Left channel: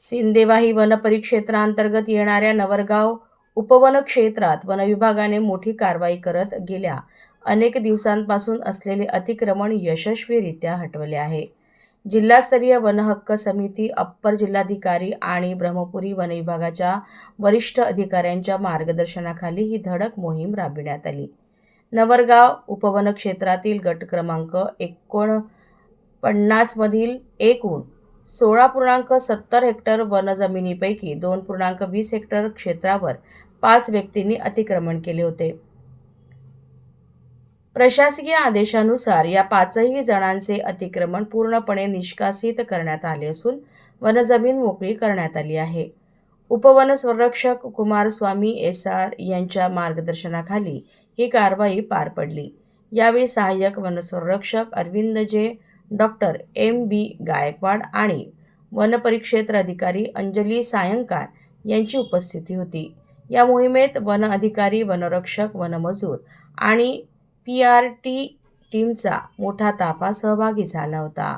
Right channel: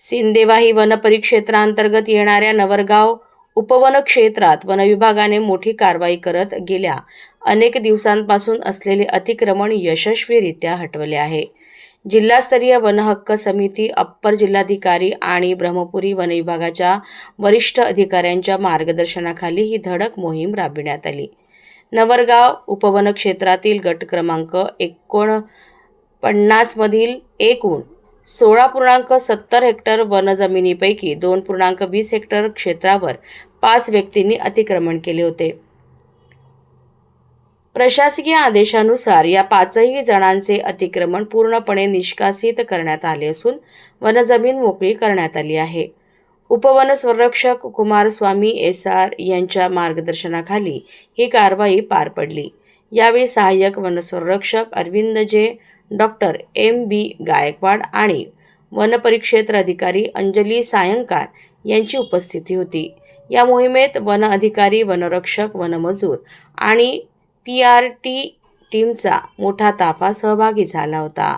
Sindewahi one परिक्षेत्रांतर्गत येणाऱ्या नवरगाव उपवन क्षेत्रात वनविभागाने मोठी कारवाई करत गेल्या अनेक दिवसांपासून असलेले अतिक्रमण यशस्वीरित्या हटवले आहे. जिल्हास्तरीय वनहक्क समिती, अप्पर जिल्हाधिकारी आणि ब्रह्मपुरी वनविभागाच्या वरिष्ठ अधिकाऱ्यांच्या मार्गदर्शनाखाली ही धडक मोहीम राबविण्यात आली. नवरगाव उपवन क्षेत्रातील गट क्रमांक 49 मधील एकूण 16.70 हेक्टर वनजमिनीपैकी 2.20 हेक्टर क्षेत्रावर 5 व्यक्तींनी अतिक्रमण केले होते. प्रशासकीय आदेशानुसार या 5ही जणांचे अतिक्रमण पूर्णपणे निष्कासित करण्यात आले असून वनजमीन मोकळी करण्यात आली आहे. उपवन संरक्षक कुमारस्वामी SR यांच्या मार्गदर्शनाखाली ही कारवाई पार पडली. यावेळी सहाय्यक वनसंरक्षक अरविंद जे, डॉक्टर MB गायकवाड आणि वनपरिक्षेत्र अधिकारी अंजली सायंकार यांची उपस्थिती होती. या मोहिमेत वन अधिकारी, वनरक्षक, वनमजूर आणि PRT टीमचा मोठा ताफा सहभागी झाला होता.